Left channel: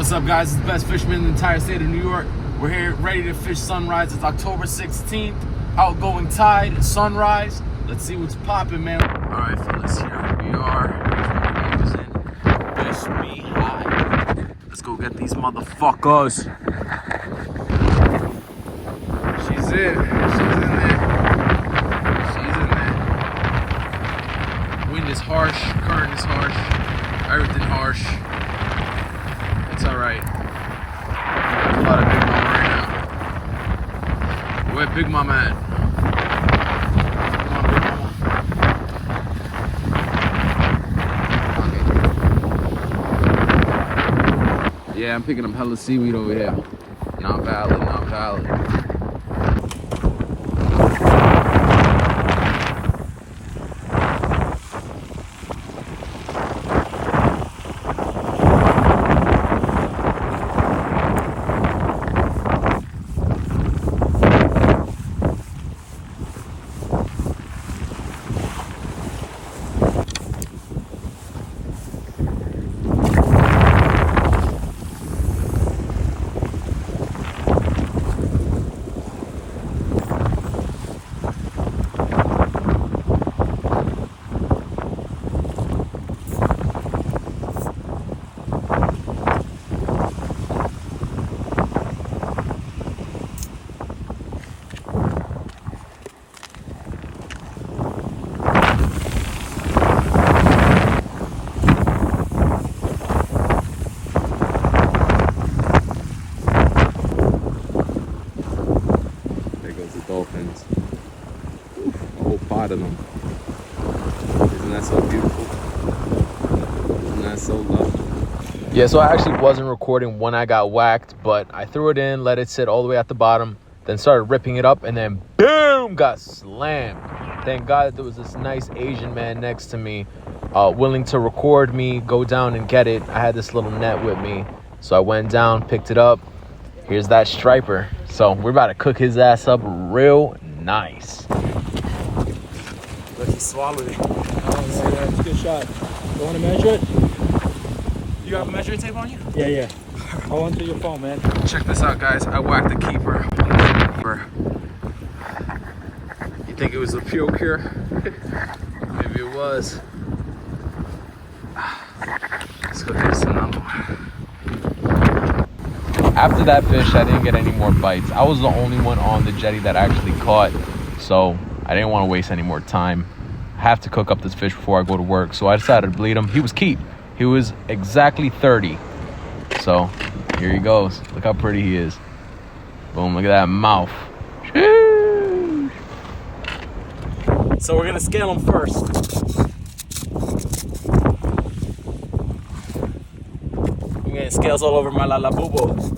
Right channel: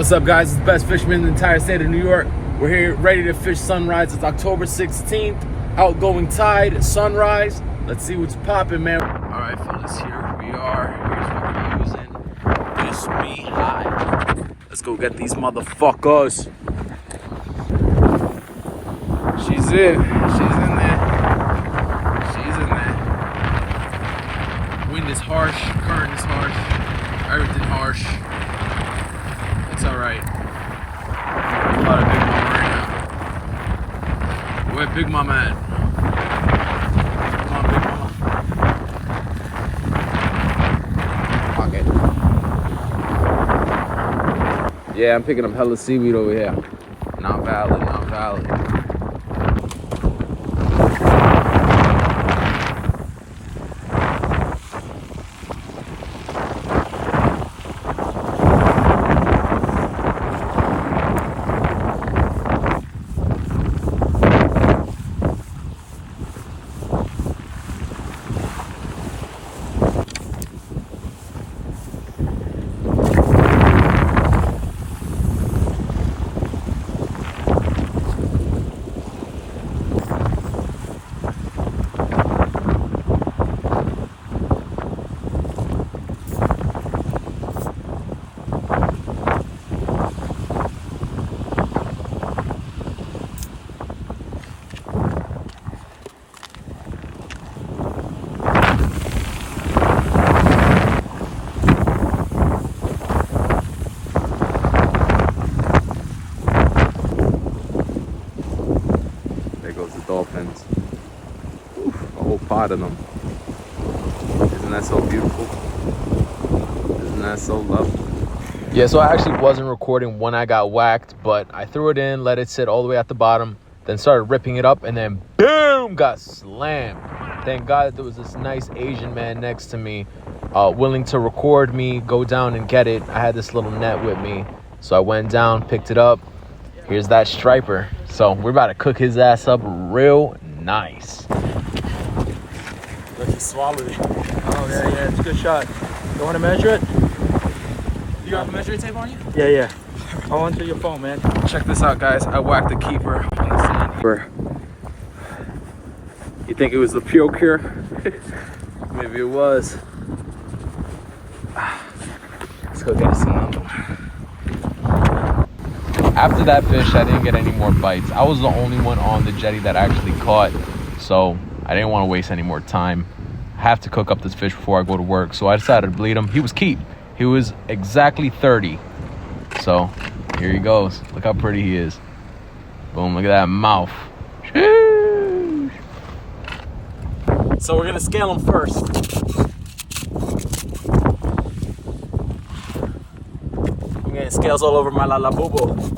What's up, guys? It's the best fisherman in the entire state of New York. We're here ready to fish sunrise. It's October 16th. Outgoing tide, sunrise. Let's see what's popping, man. All right, fellas, here we are. Here's what we're using. SB. Let's go get these motherfuckers. She's in. She's in there. She's in there. Wind is harsh. Current is harsh. Everything harsh. It's all right. A lot of Big Mama right now. Where Big Mama at? Okay. Yeah, I'm picking up hella seaweed over here. Not valid, not valid. Dolphins. Oof, a whole pot of them. Isn't that so beautiful? Isn't that so lovely? Yeah, so I actually wasn't recording when I got whacked, but I threw it in, let it sit all the way at the bottom, then started ripping it up, and then boom, got slammed. Thank God there was this nice Asian man next to me, willing to record me, go down and get it. I had this little net with me, so I went down, picked it up. Here's that striper. So we're about to cook his ass up real nice. Let's just swallow it. Oh, yeah, it's a good shot. You want to measure it? You got a measuring tape on you? Yeah. I want to your phone, man. Check this out, guys. I whacked the keeper. You think it was a puke here? Maybe it was. Let's go get another one. After that fish, I didn't get any more bites. I was the only one on the jetty that actually caught, so I didn't want to waste any more time. I have to cook up this fish before I go to work, so I decided to bleed him. He was keep. He was exactly 30. So here he goes. Look how pretty he is. Boom, look at that mouth. Sheesh. So we're gonna scale him first. I'm getting scales all over my lalabubo.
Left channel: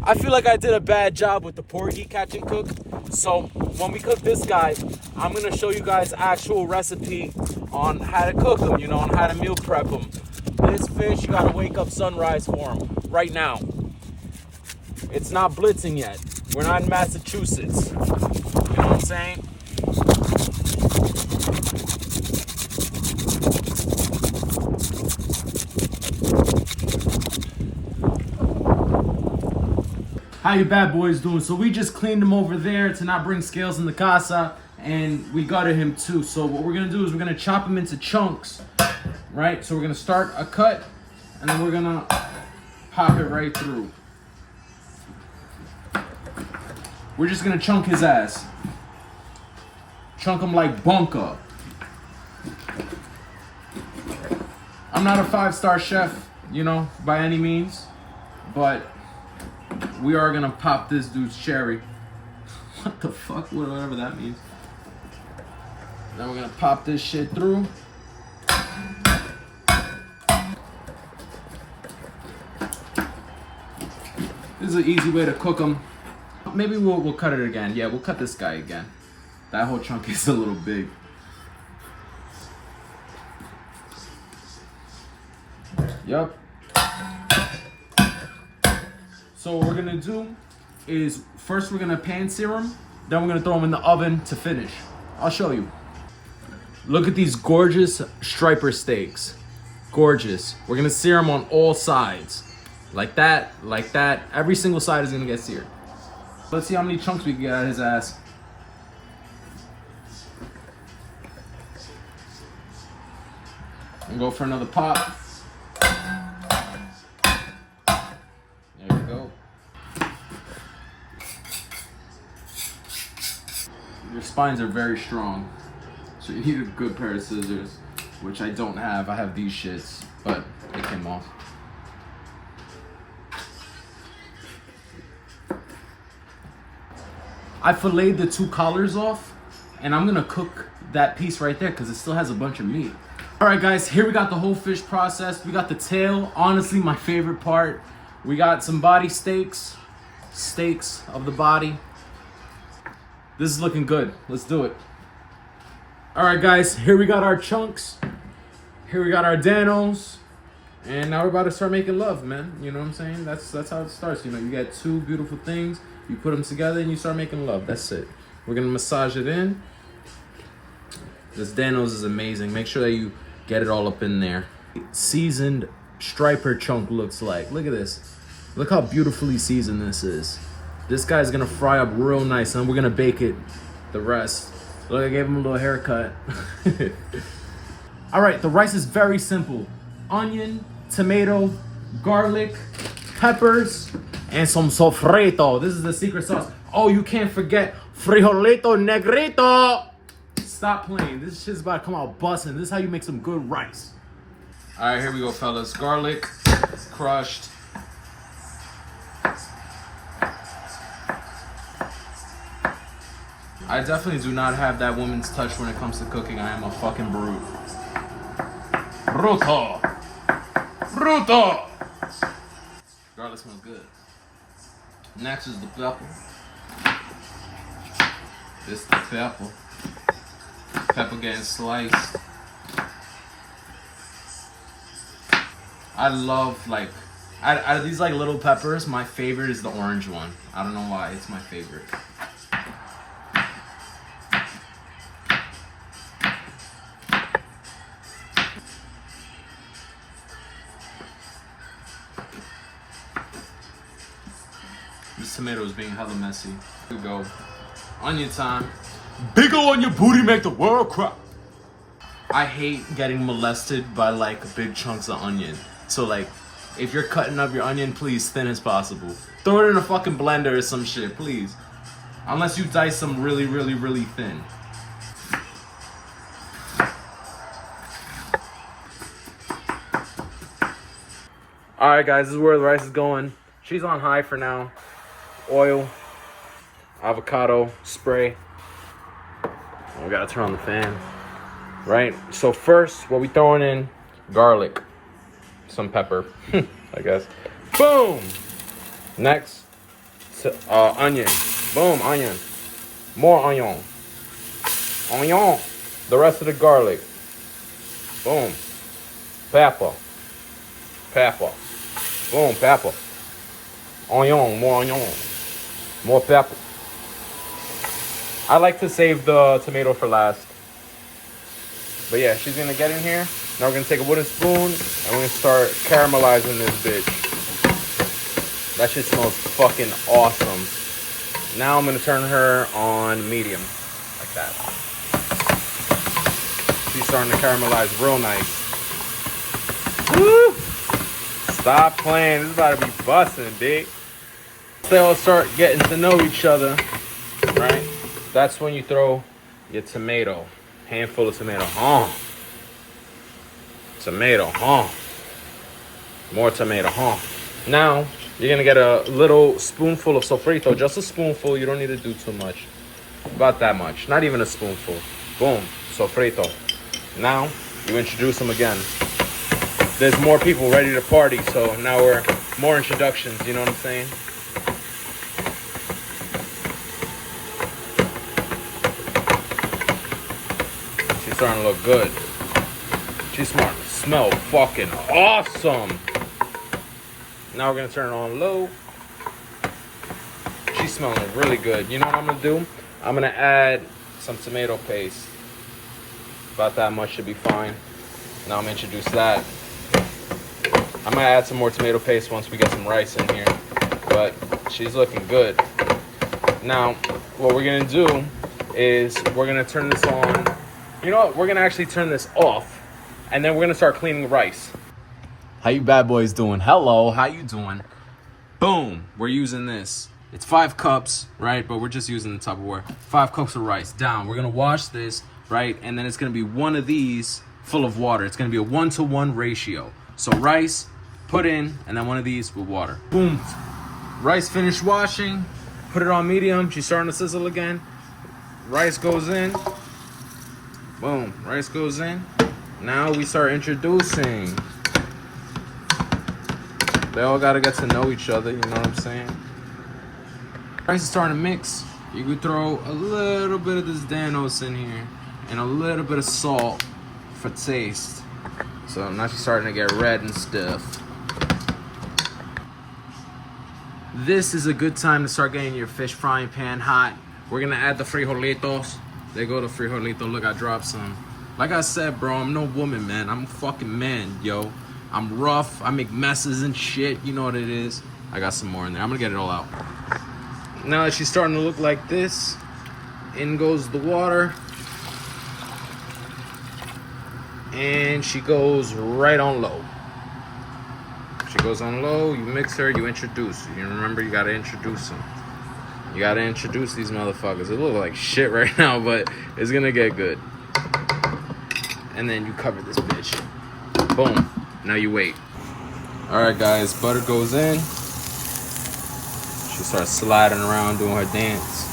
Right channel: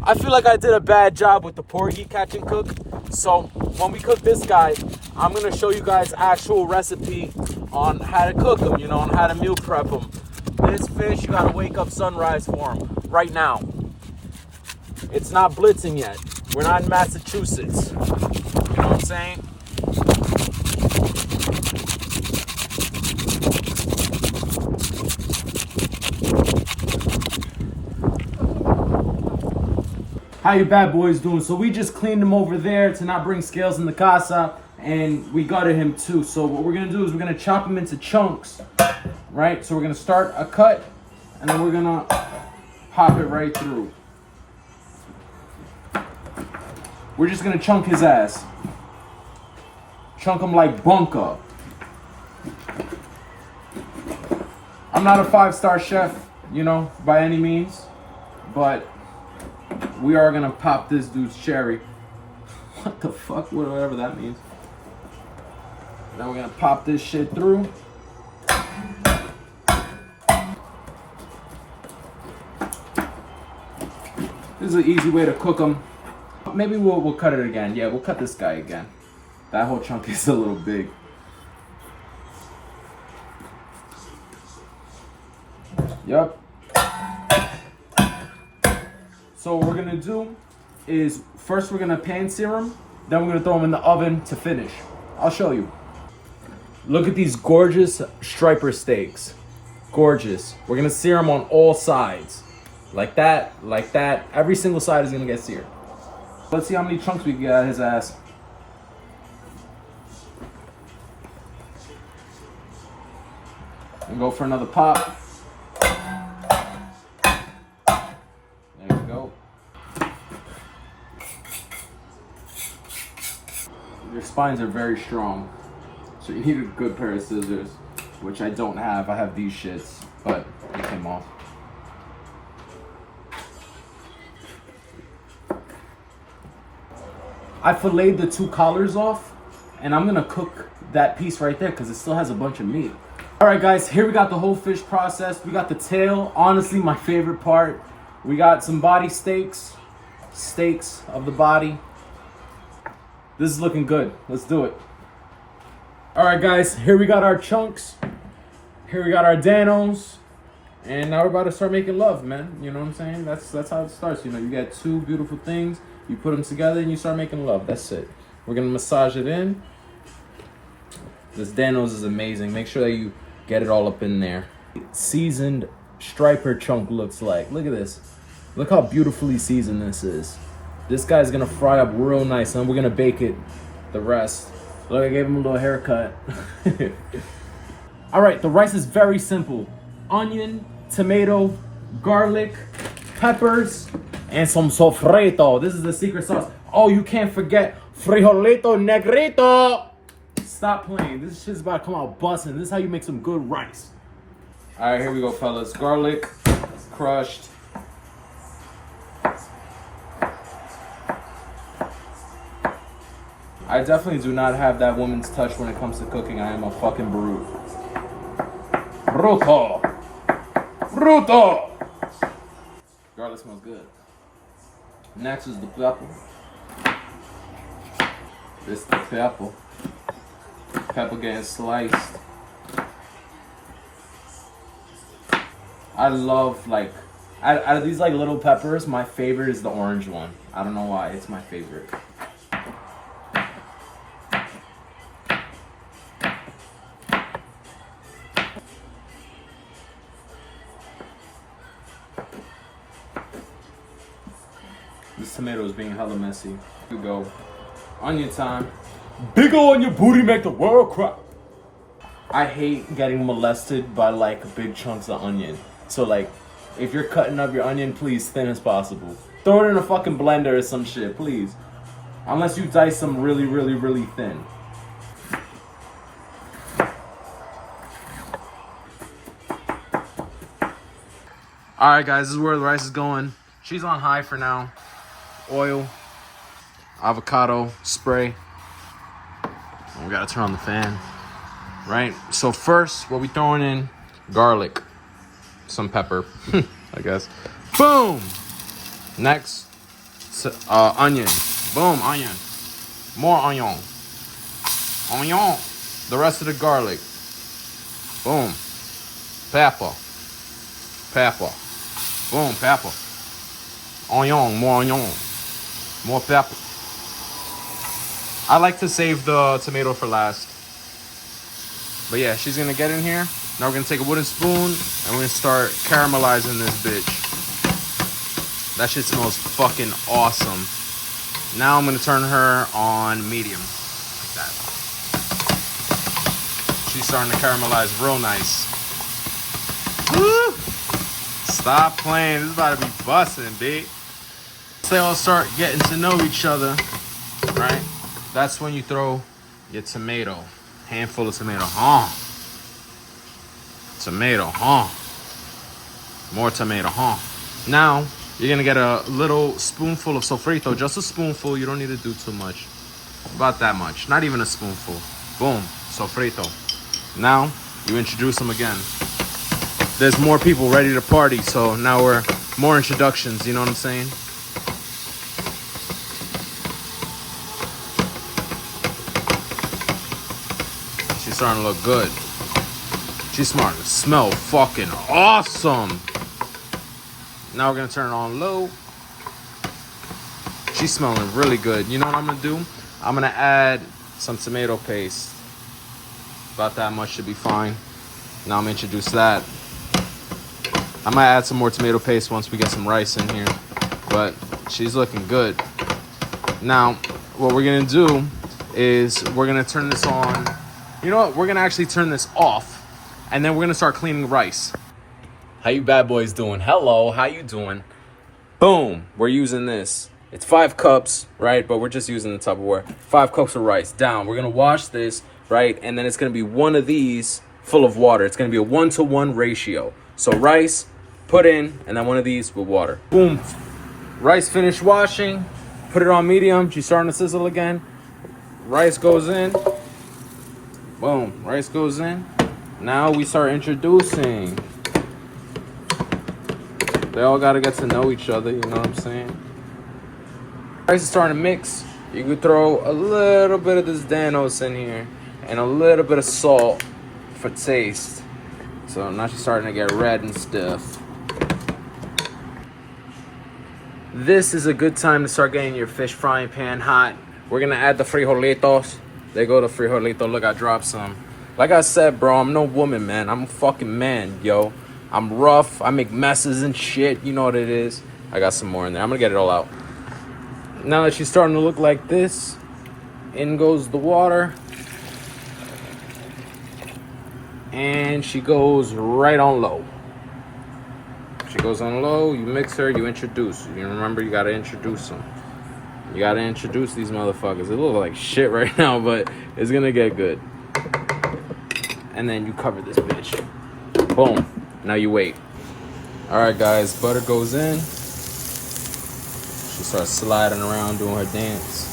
I feel like I did a bad job with the porgy catch and cook. So when we cook this guy, I'm gonna show you guys actual recipe on how to cook him, you know, on how to meal prep him. This fish, you gotta wake up sunrise for him right now. It's not blitzing yet. We're not in Massachusetts. You know what I'm saying? How you bad boys doing? So we just cleaned him over there to not bring scales in the casa, and we gutted him too. So what we're gonna do is we're gonna chop him into chunks, right? So we're gonna start a cut, and then we're gonna pop it right through. We're just gonna chunk his ass. Chunk him like bunka. I'm not a 5-star chef, you know, by any means, but we are gonna pop this dude's cherry. What the fuck? Whatever that means. Now we're gonna pop this shit through. This is an easy way to cook them. Maybe we'll cut it again. Yeah, we'll cut this guy again. That whole chunk is a little big. Yup. So what we're gonna do is first we're gonna pan sear them, then we're gonna throw them in the oven to finish. I'll show you. Look at these gorgeous striper steaks. Gorgeous. We're gonna sear them on all sides. Like that, like that. Every single side is gonna get seared. Let's see how many chunks we can get out of his ass. And go for another pop. There you go. Your spines are very strong, so you need a good pair of scissors, which I don't have. I have these shits, but they came off. I filleted the 2 collars off, and I'm gonna cook that piece right there because it still has a bunch of meat. All right, guys, here we got the whole fish processed. We got the tail, honestly, my favorite part. We got some body steaks of the body. This is looking good. Let's do it. All right, guys, here we got our chunks. Here we got our Danos. And now we're about to start making love, man. You know what I'm saying? That's how it starts. You know, you got 2 beautiful things. You put them together and you start making love. That's it. We're going to massage it in. This Danos is amazing. Make sure that you get it all up in there. Seasoned striper chunk looks like. Look at this. Look how beautifully seasoned this is. This guy's gonna fry up real nice, and we're gonna bake it the rest. Look, I gave him a little haircut. All right, the rice is very simple. Onion, tomato, garlic, peppers, and some sofrito. This is the secret sauce. Oh, you can't forget frijolito negrito. Stop playing. This shit's about to come out busting. This is how you make some good rice. All right, here we go, fellas. Garlic, crushed. I definitely do not have that woman's touch when it comes to cooking. I am a fucking brute. Bruto. Bruto. Garlic smells good. Next is the pepper. This is the pepper. Pepper getting sliced. I love, like, out of these like little peppers, my favorite is the orange one. I don't know why, it's my favorite. This tomato is being hella messy. Here we go. Onion time. Big ol' on your booty make the world cry. I hate getting molested by like big chunks of onion. So like, if you're cutting up your onion, please thin as possible. Throw it in a fucking blender or some shit, please. Unless you dice them really, really, really thin. All right, guys, this is where the rice is going. She's on high for now. Oil, avocado spray. And we gotta turn on the fan, right? So first, what we throwing in? Garlic, some pepper, I guess. Boom. Next, onion. Boom, onion. More onion. Onion. The rest of the garlic. Boom. Pepper. Pepper. Boom, pepper. Onion, more onion. More pepper. I like to save the tomato for last. But yeah, she's gonna get in here. Now we're gonna take a wooden spoon and we're gonna start caramelizing this bitch. That shit smells fucking awesome. Now I'm gonna turn her on medium, like that. She's starting to caramelize real nice. Woo! Stop playing, this is about to be busting, big. They all start getting to know each other, right? That's when you throw your tomato. Handful of tomato, Tomato, More tomato, Now, you're gonna get a little spoonful of sofrito, just a spoonful. You don't need to do too much. About that much, not even a spoonful. Boom, sofrito. Now, you introduce them again. There's more people ready to party, so now we're more introductions, you know what I'm saying? She's starting to look good. She's starting to smell fucking awesome. Now we're gonna turn it on low. She's smelling really good. You know what I'm gonna do? I'm gonna add some tomato paste. About that much should be fine. Now I'm gonna introduce that. I might add some more tomato paste once we get some rice in here, but she's looking good. Now, what we're gonna do is we're gonna turn this on. You know what? We're gonna actually turn this off, and then we're gonna start cleaning the rice. How you bad boys doing? Hello, how you doing? Boom, we're using this. It's 5 cups, right? But we're just using the Tupperware. 5 cups of rice, down. We're gonna wash this, right? And then it's gonna be one of these full of water. It's gonna be a 1-to-1 ratio. So rice, put in, and then one of these with water. Boom, rice finished washing. Put it on medium, she's starting to sizzle again. Rice goes in. Boom, rice goes in. Now we start introducing. They all gotta get to know each other, you know what I'm saying? Rice is starting to mix. You could throw a little bit of this Danos in here and a little bit of salt for taste. So now she's starting to get red and stiff. This is a good time to start getting your fish frying pan hot. We're gonna add the frijolitos. There go the frijolito. Look, I dropped some. Like I said, bro, I'm no woman, man. I'm a fucking man, yo. I'm rough. I make messes and shit. You know what it is. I got some more in there. I'm gonna get it all out. Now that she's starting to look like this, in goes the water. And she goes right on low. She goes on low, you mix her, you introduce. You remember, you gotta introduce them. You gotta introduce these motherfuckers. They look like shit right now, but it's gonna get good. And then you cover this bitch. Boom. Now you wait. All right, guys, butter goes in. She starts sliding around doing her dance.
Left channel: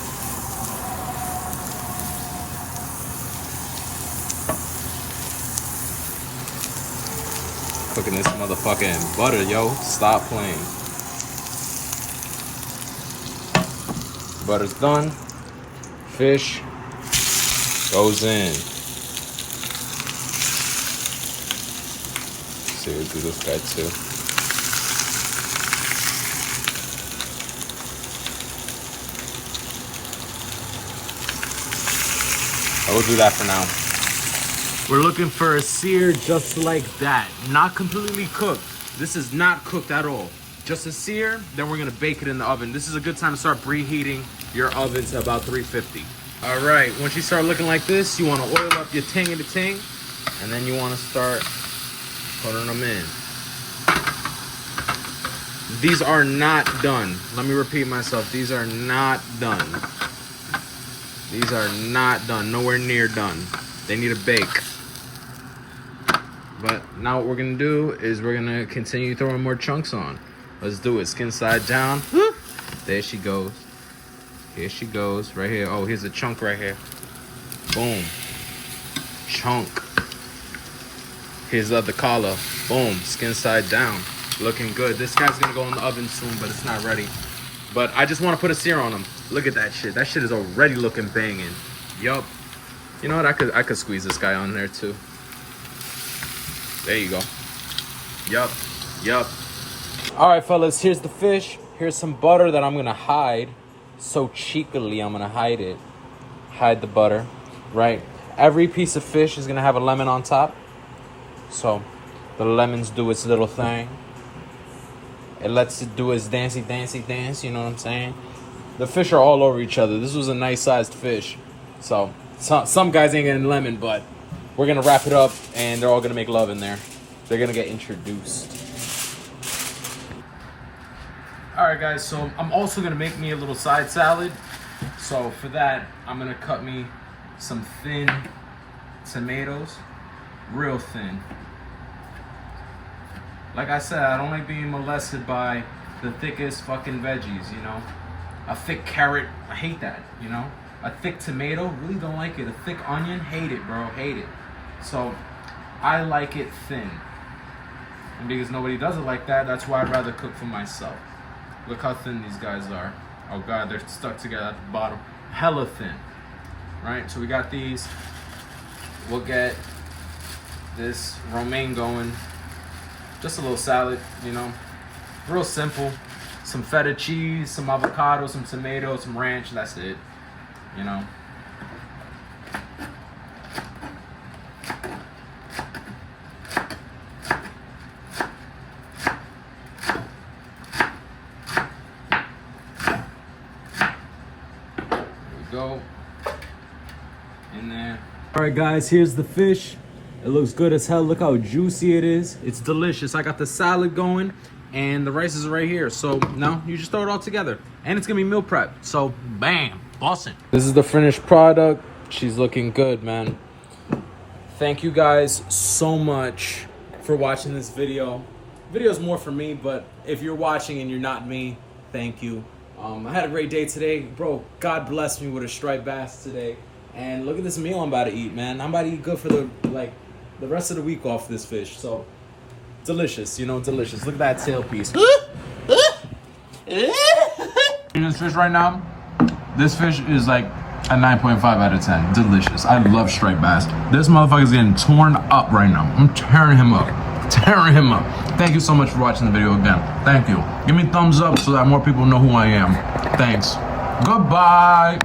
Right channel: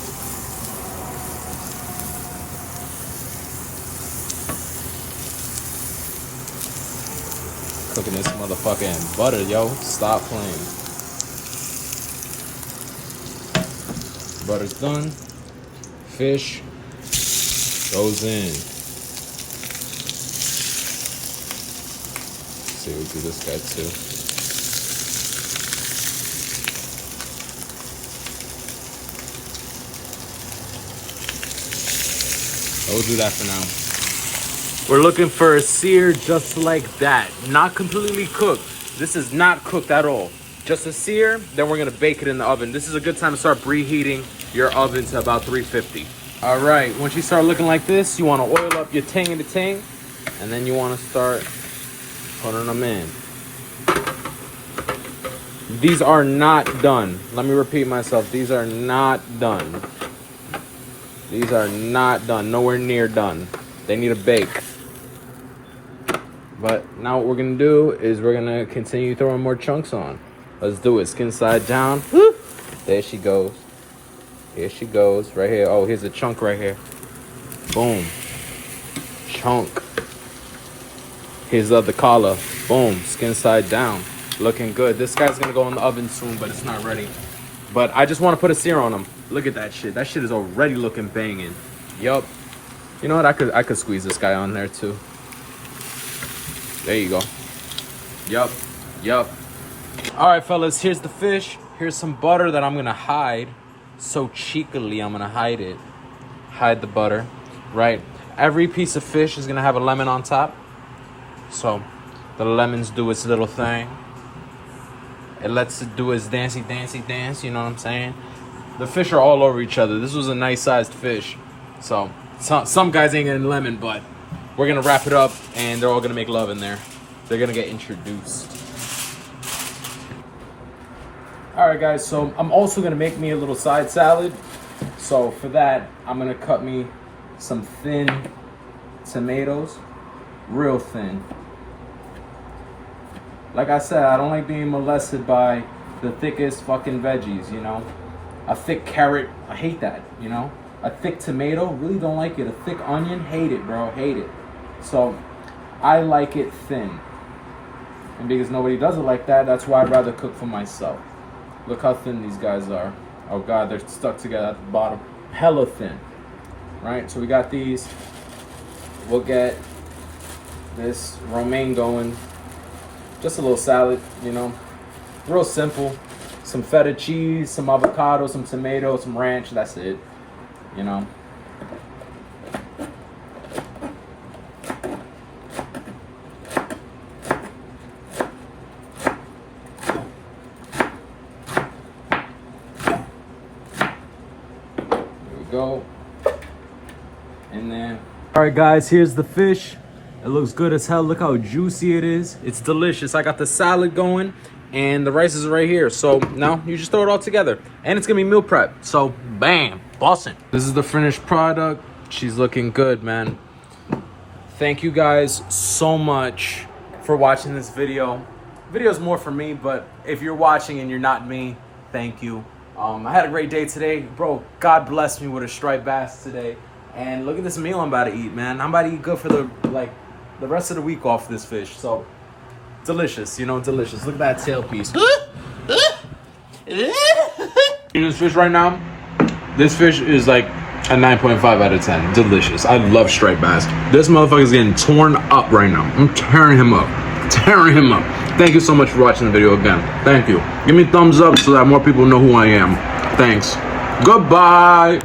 Cooking this motherfucking butter, yo. Stop playing. Butter's done. Fish goes in. Let's see, we'll do this guy too. I will do that for now. We're looking for a sear just like that. Not completely cooked. This is not cooked at all. Just a sear, then we're gonna bake it in the oven. This is a good time to start preheating your oven to about 350. All right, once you start looking like this, you wanna oil up your ting and the ting, and then you wanna start putting them in. These are not done. Let me repeat myself, these are not done. These are not done, nowhere near done. They need a bake. But now what we're gonna do is we're gonna continue throwing more chunks on. Let's do it, skin side down. There she goes. Here she goes, right here. Oh, here's a chunk right here. Boom, chunk. Here's the other collar. Boom, skin side down. Looking good. This guy's gonna go in the oven soon, but it's not ready. But I just wanna put a sear on him. Look at that shit. That shit is already looking banging. Yup. You know what? I could squeeze this guy on there too. There you go. Yup. Yup. All right, fellas. Here's the fish. Here's some butter that I'm gonna hide. So cheekily, I'm gonna hide it. Hide the butter. Right. Every piece of fish is gonna have a lemon on top. So the lemons do its little thing. It lets it do its dancey dance. You know what I'm saying? The fish are all over each other. This was a nice sized fish. So some guys ain't getting lemon, but we're gonna wrap it up and they're all gonna make love in there. They're gonna get introduced. All right, guys, so I'm also gonna make me a little side salad. So for that, I'm gonna cut me some thin tomatoes, real thin. Like I said, I don't like being molested by the thickest fucking veggies, you know? A thick carrot, I hate that, you know? A thick tomato, really don't like it. A thick onion, hate it, bro, hate it. So I like it thin. And because nobody does it like that, that's why I'd rather cook for myself. Look how thin these guys are. Oh God, they're stuck together at the bottom. Hella thin, right? So we got these. We'll get this romaine going. Just a little salad, you know, real simple. Some feta cheese, some avocado, some tomato, some ranch, that's it, you know. go. In there. All right, guys, here's the fish. It looks good as hell. Look how juicy it is. It's delicious. I got the salad going and the rice is right here. So now you just throw it all together. And it's gonna be meal prep. So bam, bussin'. This is the finished product. She's looking good, man. Thank you guys so much for watching this video. Video's more for me, but if you're watching and you're not me, thank you. I had a great day today. Bro, God blessed me with a striped bass today. And look at this meal I'm about to eat, man. I'm about to eat good for the rest of the week off this fish. So delicious, you know, delicious. Look at that tail piece. Eating this fish right now. This fish is like a 9.5 out of 10. Delicious. I love striped bass. This motherfucker's getting torn up right now. I'm tearing him up. Tearing him up. Thank you so much for watching the video again. Thank you. Give me a thumbs up so that more people know who I am. Thanks. Goodbye.